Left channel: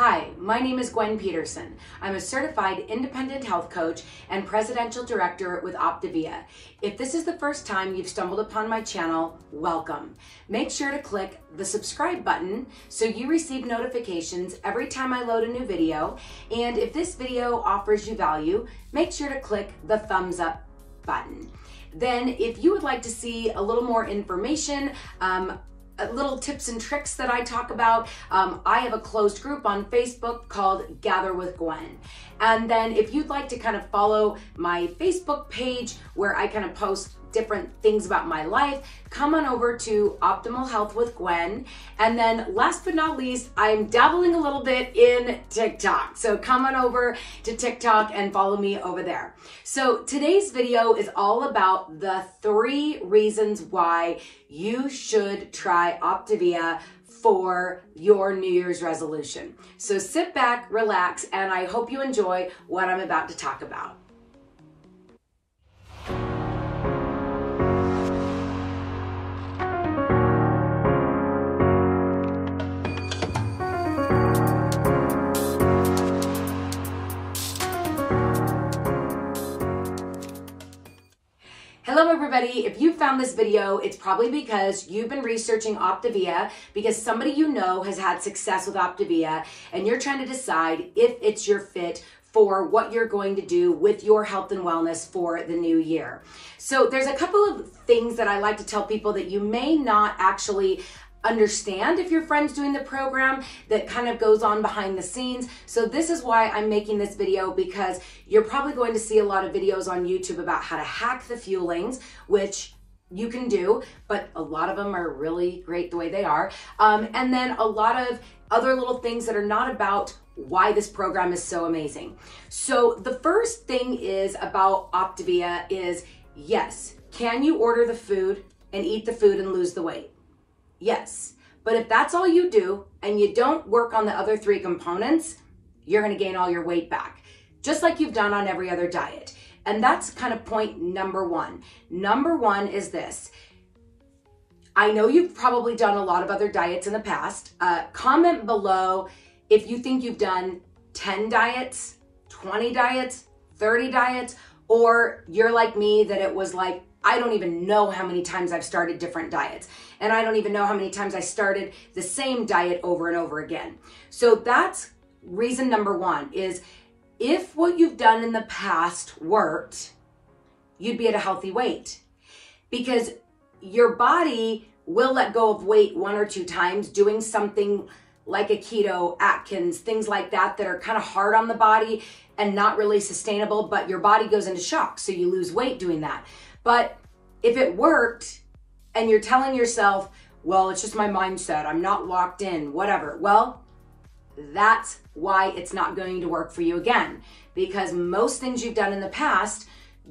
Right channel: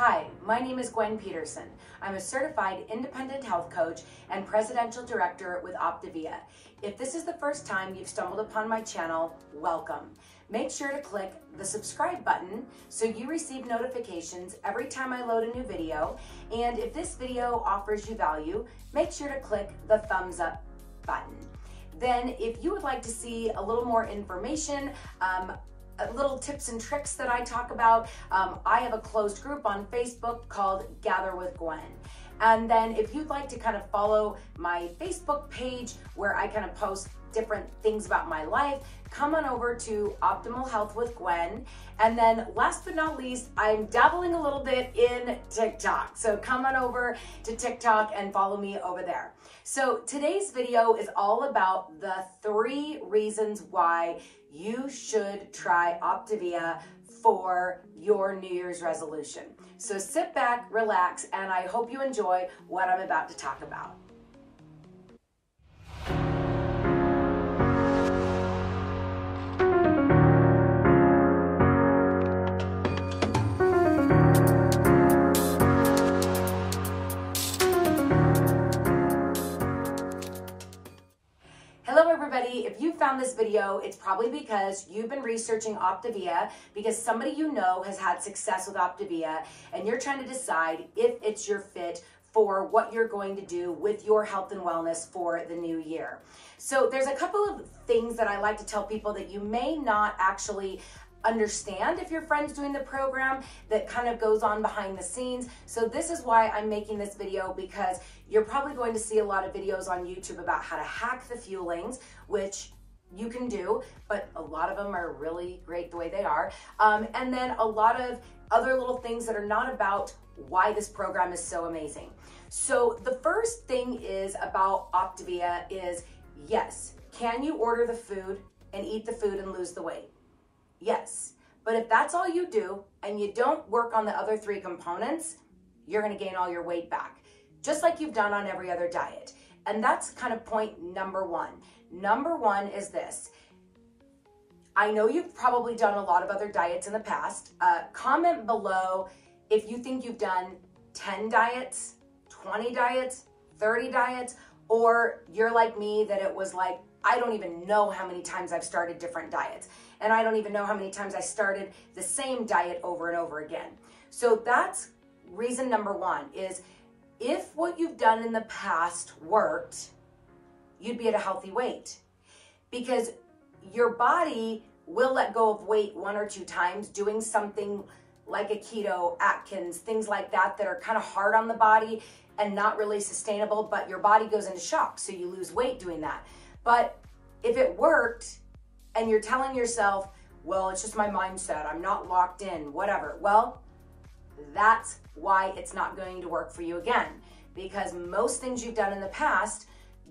Hi, my name is Gwen Peterson. I'm a certified independent health coach and presidential director with Optavia. If this is the first time you've stumbled upon my channel, welcome. Make sure to click the subscribe button so you receive notifications every time I load a new video. And if this video offers you value, make sure to click the thumbs up button. Then if you would like to see a little more information, little tips and tricks that I talk about, I have a closed group on Facebook called Gather with Gwen. And then if you'd like to kind of follow my Facebook page where I kind of post different things about my life, come on over to Optimal Health with Gwen. And then last but not least, I'm dabbling a little bit in TikTok. So come on over to TikTok and follow me over there. So today's video is all about the 3 reasons why you should try Optavia for your New Year's resolution. So sit back, relax, and I hope you enjoy what I'm about to talk about. Hello everybody, if you found this video, it's probably because you've been researching Optavia because somebody you know has had success with Optavia and you're trying to decide if it's your fit for what you're going to do with your health and wellness for the new year. So there's a couple of things that I like to tell people that you may not actually understand if your friend's doing the program that kind of goes on behind the scenes. So this is why I'm making this video, because you're probably going to see a lot of videos on YouTube about how to hack the fuelings, which you can do, but a lot of them are really great the way they are. And then a lot of other little things that are not about why this program is so amazing. So the first thing is about Optavia is, yes, can you order the food and eat the food and lose the weight? Yes, but if that's all you do and you don't work on the other 3 components, you're gonna gain all your weight back, just like you've done on every other diet. And that's kind of point number 1. Number 1 is this. I know you've probably done a lot of other diets in the past. Comment below if you think you've done 10 diets, 20 diets, 30 diets, or you're like me that it was like, I don't even know how many times I've started different diets. And I don't even know how many times I started the same diet over and over again. So that's reason number 1 is if what you've done in the past worked, you'd be at a healthy weight. Because your body will let go of weight 1 or 2 times doing something like a keto, Atkins, things like that are kind of hard on the body and not really sustainable, but your body goes into shock, so you lose weight doing that. But if it worked and you're telling yourself, well, it's just my mindset, I'm not locked in, whatever. Well, that's why it's not going to work for you again, because most things you've done in the past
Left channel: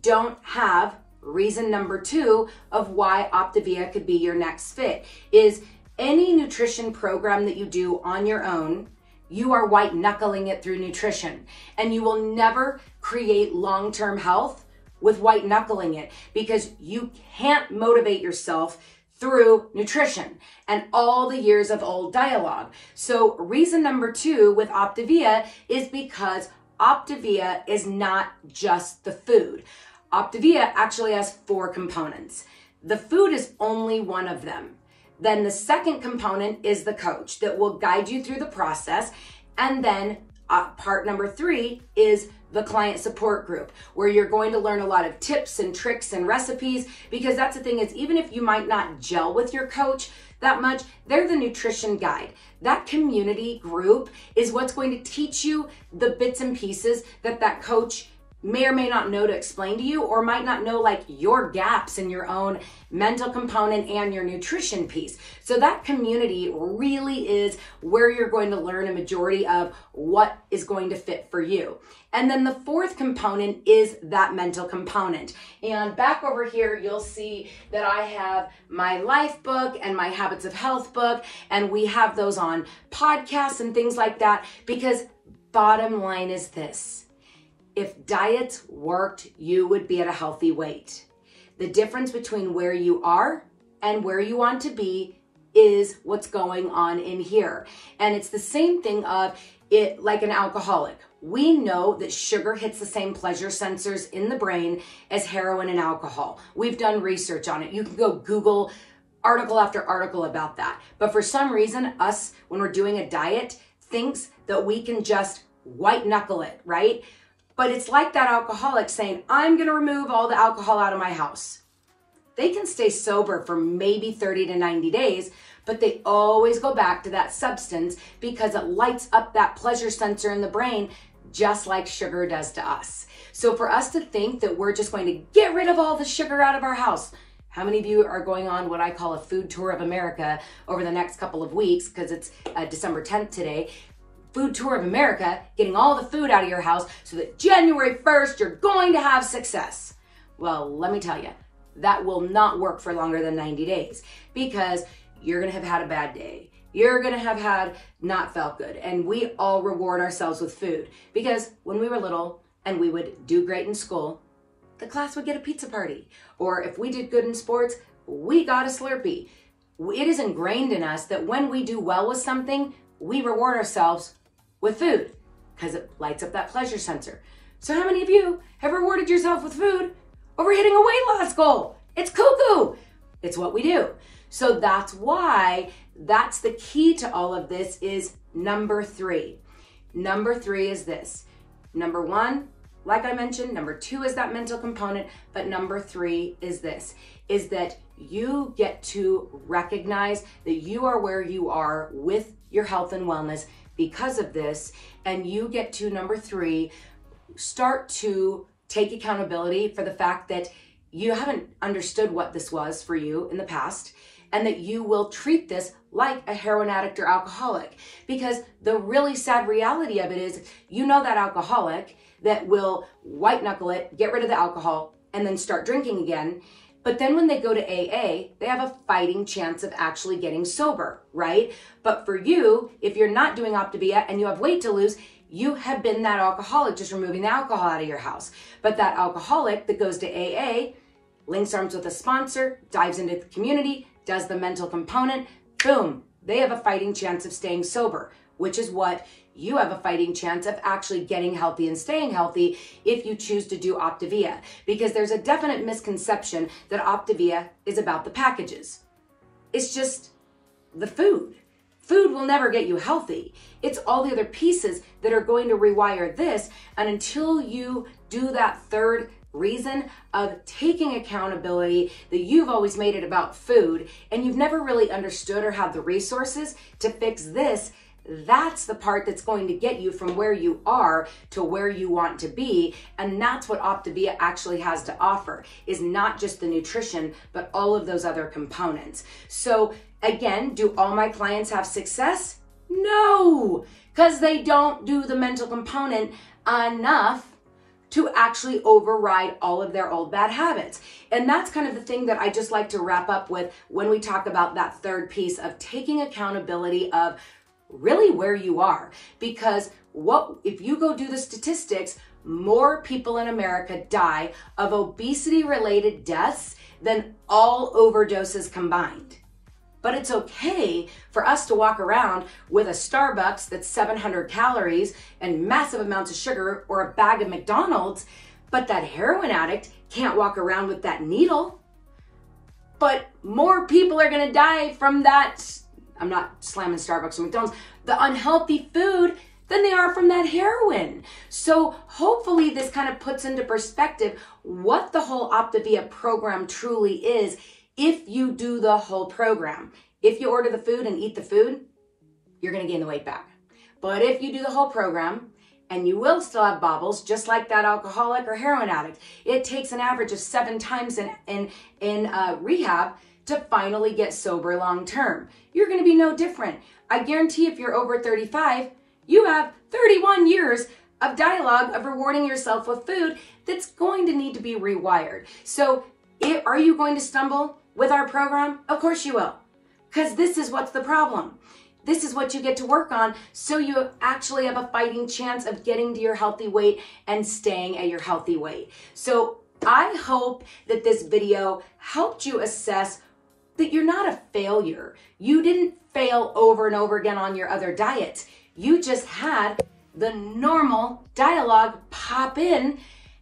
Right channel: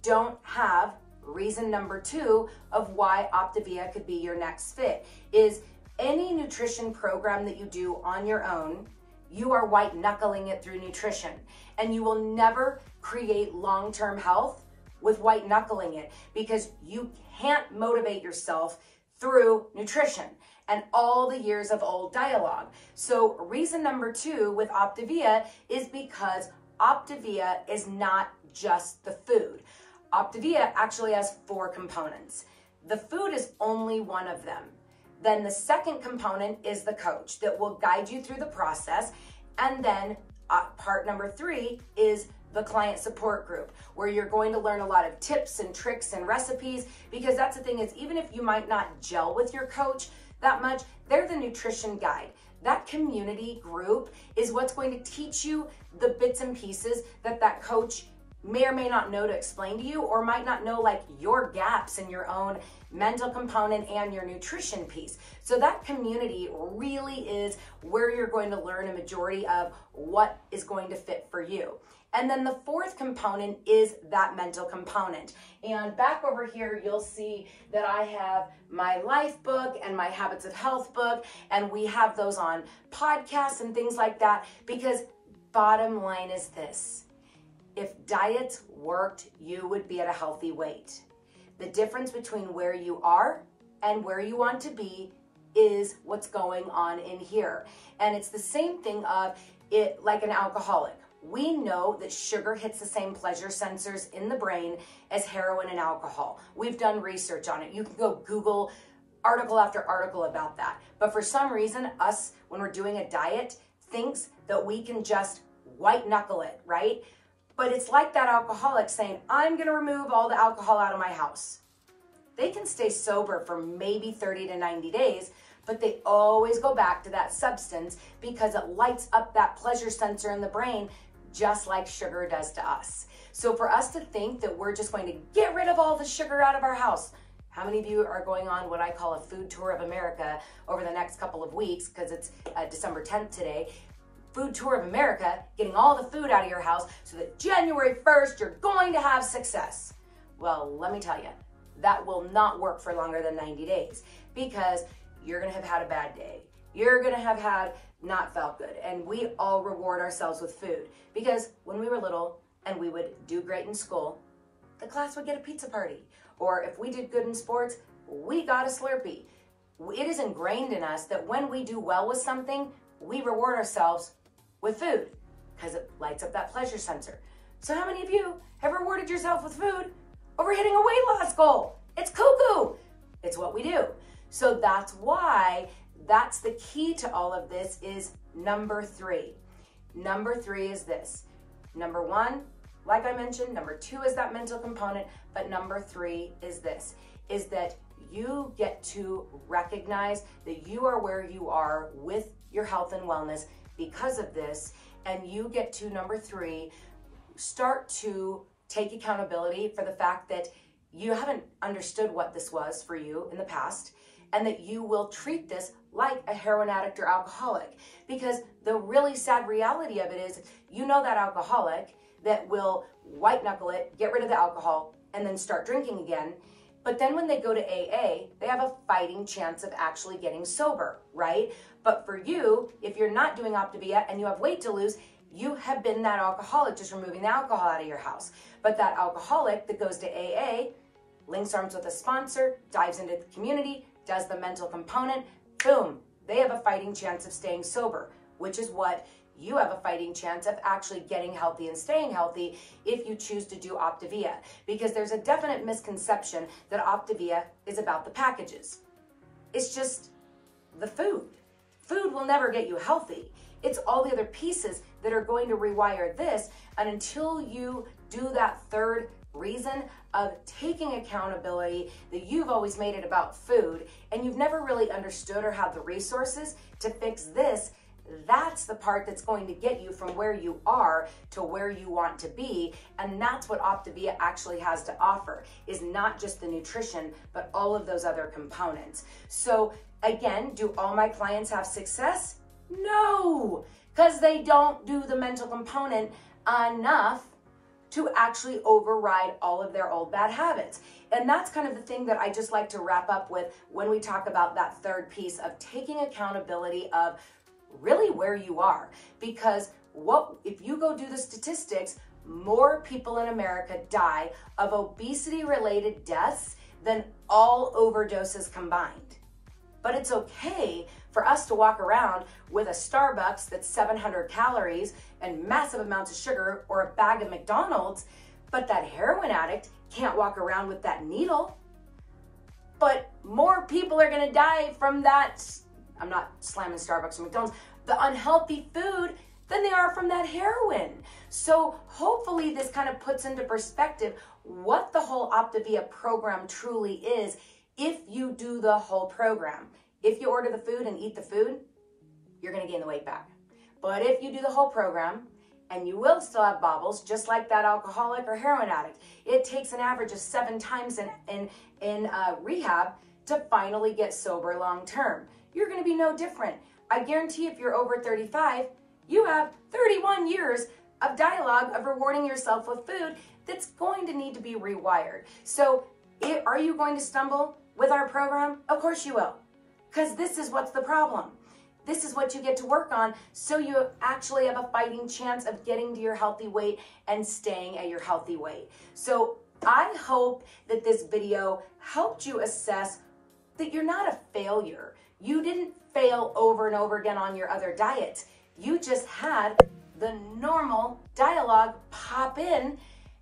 don't have reason number 2 of why Optavia could be your next fit. Is any nutrition program that you do on your own, you are white knuckling it through nutrition, and you will never create long-term health with white knuckling it, because you can't motivate yourself through nutrition and all the years of old dialogue. So reason number 2 with Optavia is because Optavia is not just the food. Optavia actually has 4 components. The food is only one of them. Then the second component is the coach that will guide you through the process. And then part number 3 is the client support group, where you're going to learn a lot of tips and tricks and recipes, because that's the thing is, even if you might not gel with your coach that much, they're the nutrition guide. That community group is what's going to teach you the bits and pieces that that coach may or may not know to explain to you, or might not know, like your gaps in your own mental component and your nutrition piece. So that community really is where you're going to learn a majority of what is going to fit for you. And then the 4th component is that mental component. And back over here, you'll see that I have my life book and my habits of health book, and we have those on podcasts and things like that, because bottom line is this. If diets worked, you would be at a healthy weight. The difference between where you are and where you want to be is what's going on in here. And it's the same thing of it like an alcoholic. We know that sugar hits the same pleasure sensors in the brain as heroin and alcohol. We've done research on it. You can go Google article after article about that. But for some reason, us, when we're doing a diet, thinks that we can just white knuckle it, right? But it's like that alcoholic saying, I'm going to remove all the alcohol out of my house. They can stay sober for maybe 30 to 90 days, but they always go back to that substance because it lights up that pleasure sensor in the brain, just like sugar does to us. So for us to think that we're just going to get rid of all the sugar out of our house, how many of you are going on what I call a food tour of America over the next couple of weeks, because it's December 10th today, food tour of America, getting all the food out of your house so that January 1st, you're going to have success. Well, let me tell you, that will not work for longer than 90 days because you're going to have had a bad day. You're going to have had not felt good. And we all reward ourselves with food because when we were little and we would do great in school, the class would get a pizza party. Or if we did good in sports, we got a Slurpee. It is ingrained in us that when we do well with something, we reward ourselves with food because it lights up that pleasure sensor. So how many of you have rewarded yourself with food over hitting a weight loss goal? It's cuckoo. It's what we do. So that's why that's the key to all of this is number 3. Number 3 is this. Number 1, like I mentioned, number 2 is that mental component, but number 3 is this, is that you get to recognize that you are where you are with your health and wellness because of this, and you get to, number 3, start to take accountability for the fact that you haven't understood what this was for you in the past, and that you will treat this like a heroin addict or alcoholic. Because the really sad reality of it is, you know that alcoholic that will white knuckle it, get rid of the alcohol, and then start drinking again. But then when they go to AA, they have a fighting chance of actually getting sober, right? But for you, if you're not doing Optavia and you have weight to lose, you have been that alcoholic, just removing the alcohol out of your house. But that alcoholic that goes to AA, links arms with a sponsor, dives into the community, does the mental component, boom, they have a fighting chance of staying sober, which is what you have a fighting chance of actually getting healthy and staying healthy if you choose to do Optavia. Because there's a definite misconception that Optavia is about the packages. It's just the food. Food will never get you healthy. It's all the other pieces that are going to rewire this. And until you do that third reason of taking accountability, that you've always made it about food and you've never really understood or had the resources to fix this, that's the part that's going to get you from where you are to where you want to be. And that's what Optavia actually has to offer, is not just the nutrition, but all of those other components. So again, do all my clients have success? No, because they don't do the mental component enough to actually override all of their old bad habits. And that's kind of the thing that I just like to wrap up with when we talk about that third piece of taking accountability of really where you are. Because if you go do the statistics, more people in America die of obesity-related deaths than all overdoses combined. But it's okay for us to walk around with a Starbucks that's 700 calories and massive amounts of sugar, or a bag of McDonald's, but that heroin addict can't walk around with that needle. But more people are gonna die from that, I'm not slamming Starbucks or McDonald's, the unhealthy food, than they are from that heroin. So hopefully this kind of puts into perspective what the whole Optavia program truly is. If you do the whole program, if you order the food and eat the food, you're gonna gain the weight back. But if you do the whole program, and you will still have bobbles, just like that alcoholic or heroin addict, it takes an average of 7 times in rehab to finally get sober long term. You're gonna be no different. I guarantee if you're over 35, you have 31 years of dialogue of rewarding yourself with food that's going to need to be rewired. So are you going to stumble with our program? Of course you will, because this is what's the problem. This is what you get to work on, so you actually have a fighting chance of getting to your healthy weight and staying at your healthy weight. So I hope that this video helped you assess that you're not a failure. You didn't fail over and over again on your other diets. You just had the normal dialogue pop in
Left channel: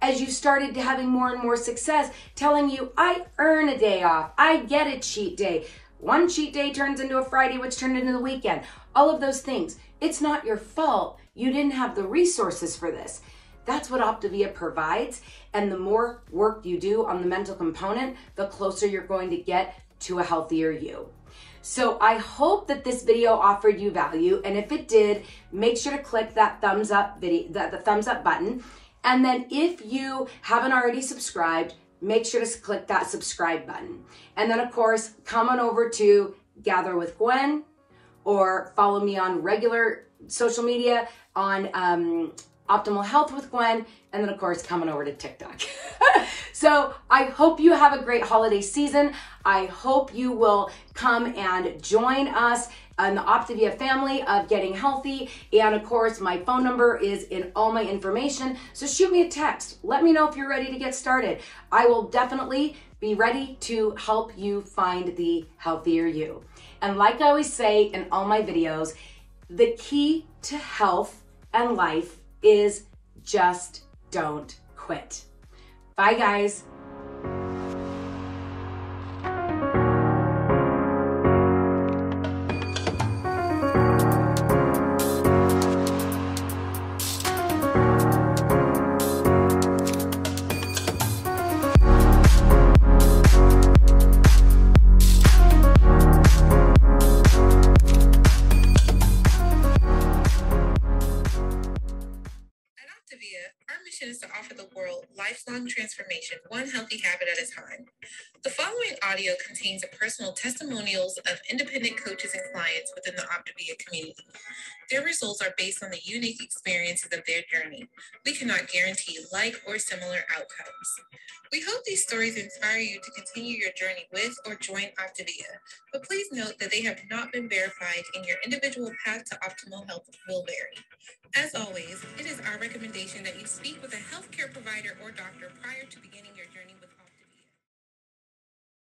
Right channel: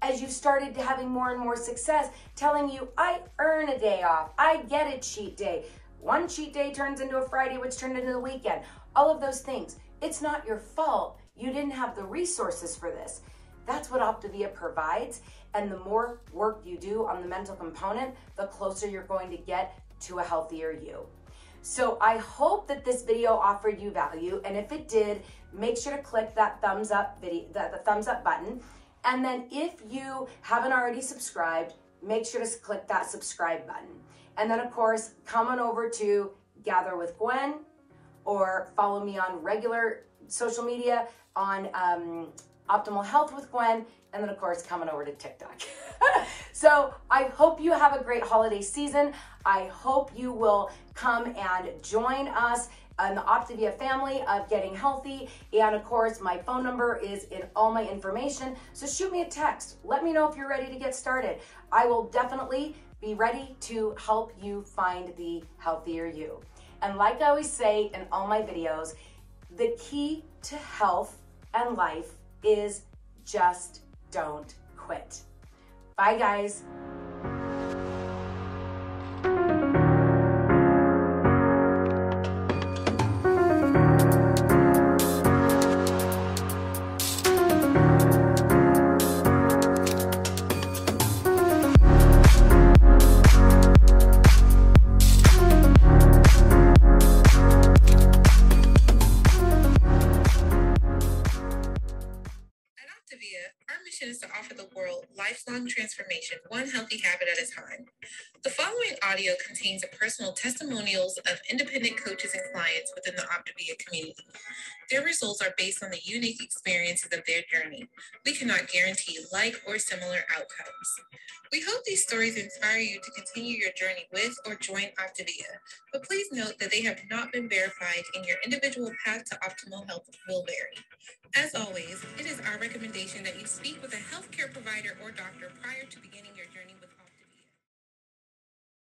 as you started having more and more success, telling you, I earn a day off, I get a cheat day. One cheat day turns into a Friday, which turned into the weekend. All of those things. It's not your fault. You didn't have the resources for this. That's what Optavia provides. And the more work you do on the mental component, the closer you're going to get to a healthier you. So I hope that this video offered you value. And if it did, make sure to click that thumbs up video, the thumbs up button. And then if you haven't already subscribed, make sure to click that subscribe button. And then of course, come on over to Gather with Gwen or follow me on regular social media on Optimal Health with Gwen. And then of course, coming over to TikTok. So I hope you have a great holiday season. I hope you will come and join us in the Optavia family of getting healthy. And of course, my phone number is in all my information. So shoot me a text. Let me know if you're ready to get started. I will definitely be ready to help you find the healthier you. And like I always say in all my videos, the key to health and life is just don't quit. Bye, guys. Our mission is to offer the world lifelong transformation, one healthy habit at a time. The following audio contains personal testimonials of independent coaches and clients within the Optavia community. Their results are based on the unique experiences of their journey. We cannot guarantee like or similar outcomes. We hope these stories inspire you to continue your journey with or join Optavia, but please note that they have not been verified and your individual path to optimal health will vary. As always, it is our recommendation that you speak with a healthcare provider or doctor prior to beginning your journey with